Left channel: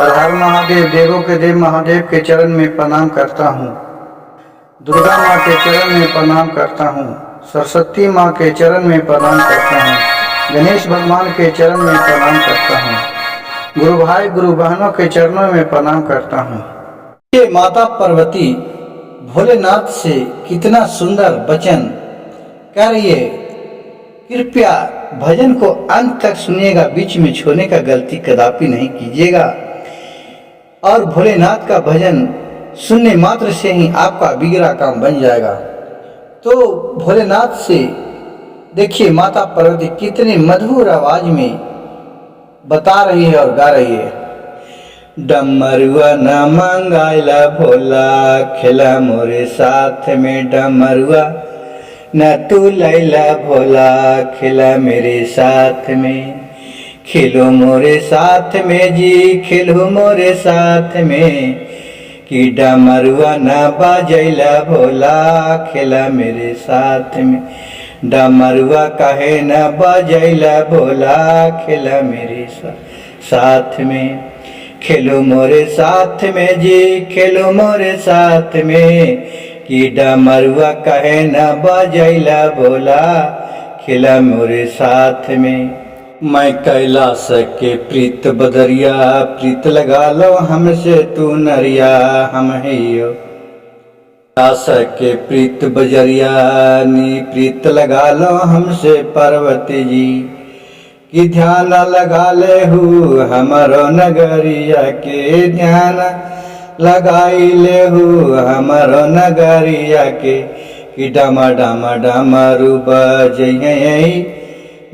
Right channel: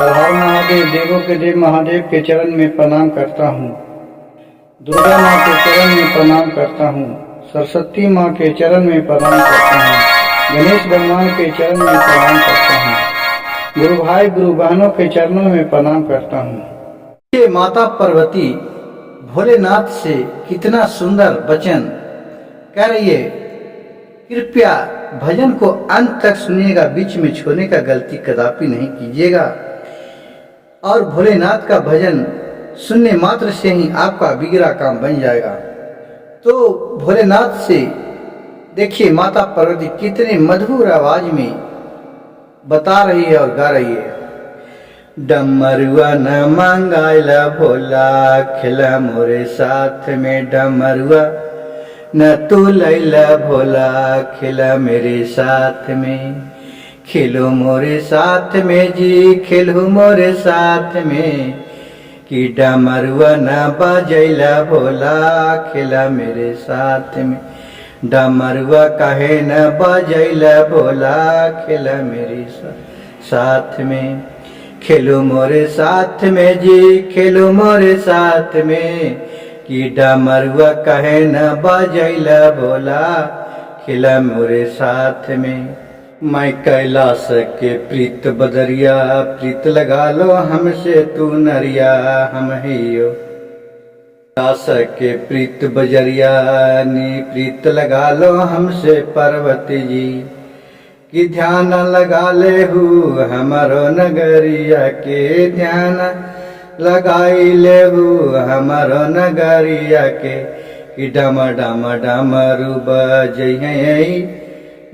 हर हर महादेव। देवों के देव महादेव के चरण में प्रणाम करता हूँ। दुर्गा माँ के चरण में प्रणाम करता हूँ। सरस्वती माँ के चरण में प्रणाम करता हूँ। गणेश भगवान के चरण में प्रणाम करता हूँ। गुरु भाई गुरु बहनों के चरणों में प्रणाम करता हूँ। ये माता पार्वती भोलेनाथ से कितना सुंदर वचन कह रही है। कृपया भजन को अंत तक सुनिएगा, बीच में छोड़ने का गलती कदापि नहीं कीजिएगा। और भोलेनाथ का भजन सुनने मात्र से ही आपका बिगड़ा काम बन जाएगा। तो भोलेनाथ से देखिए माता पार्वती कितने मधुर आवाज में बता रही है और गा रही है। डमरुआ न मांगाइला भोला, खेला मोरे साथ में डमरुआ न तू लैला भोला, खेला मेरे साथ में। खेलो मोरे साथ में जी, खेलो मोरे साथ में, कि डमरुआ न बजैला भोला, खेला मेरे साथ में। डमरुआ कहे न बजैला भोला, खेला मेरे साथ में। खेलो मोरे साथ में जी, खेलो मोरे साथ में, कि डमरुआ कहे न बजैला भोला, खेला मोरे साथ में। मैं कैलाश के प्रीत बदरिया, प्रीत लगा लो हमसे तू नरिया, हम हियो। कैलाश के प्रीत बजरिया नी, प्रीत लगा लो हमसे पार्वती जी, कि ध्यान लगा ले हूँ हमारो नगरिया के। ध्यान लगाई ले हूँ हमारो नगरिया के, कि डमा डमा डमरू बजई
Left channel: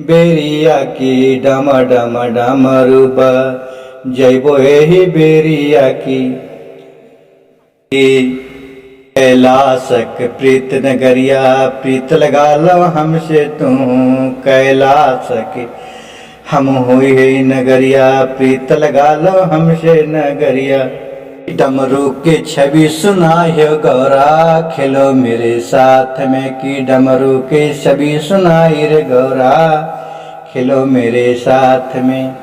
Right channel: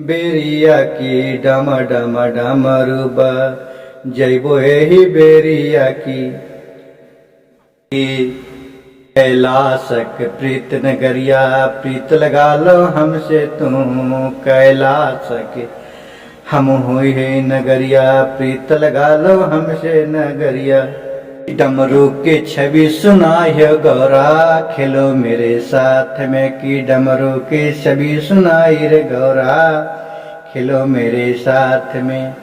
बेरिया की। डमा डमा डमरू बजैबो एही बेरिया की। कैलाशक प्रीत नगरिया, प्रीत लगा लो हमसे तू कैलाश के। हम हुई है नगरिया, प्रीत लगा लो हमसे नगरिया। डमरू के छवि सुनाए गौरा, खेलो मेरे साथ में, कि डमरू के छवि सुनाई रे गौरा, खेलो मेरे साथ में।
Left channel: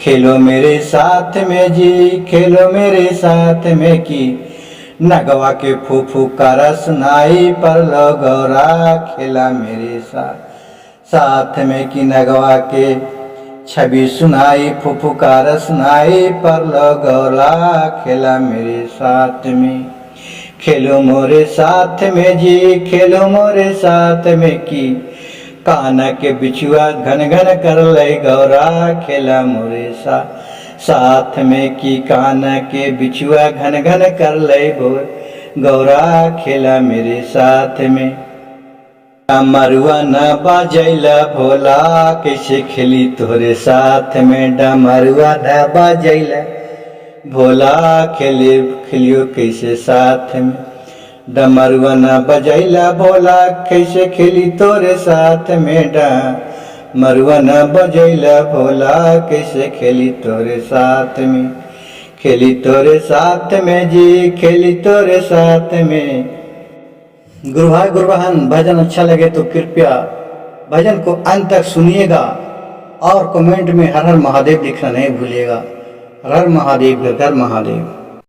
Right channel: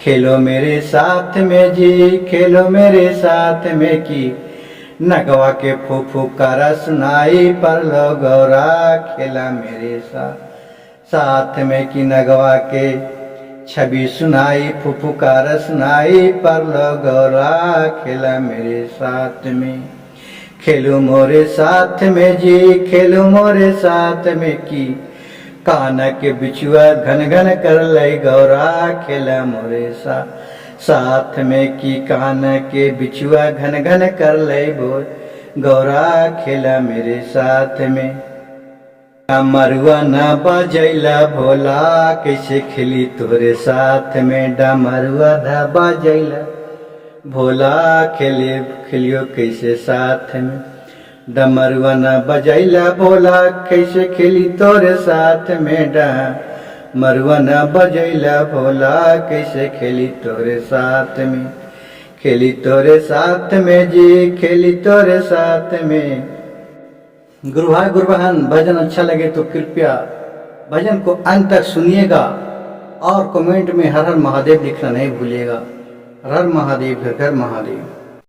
खेलो मेरे साथ में जी, खेलो मेरे साथ में, कि नगवा के फुफुकारा सुनाई पर लो गौरा, खेला मेरे साथ में। कि नगवा के छवि सुनाई फुफुकार सुनाई पर लो गौरा, खेला मेरे साथ में। खेलो मोरे साथ में जी, खेलो मोरे साथ में, कि काना के बिछुआ घन घन कर ले गौरा, खेला मोरे साथ में। कि काना के बिछुआ घन घन कर ले गौरा, खेला मेरे साथ में। डमरुआ न बजैला भोला, कैसे खेली तोरे साथ में। डमरुआ न बजैला भोला, खेलियो कैसे साथ में। डमरुआ न बजैला भोला, कैसे खेली तोरे साथ में। डमरुआ न बजैला भोला, कैसे खेली तोरे साथ में। खेली तोरे साथ में जी, खेली तोरे साथ में। गुरु भाई गुरु बहन, भजन अच्छा लगे तो कृपया भजन को अंत तक सुनिएगा और कमेंट में हर हर महादेव लिखना नहीं भूलिएगा। हर हर महादेव, घर घर महादेव।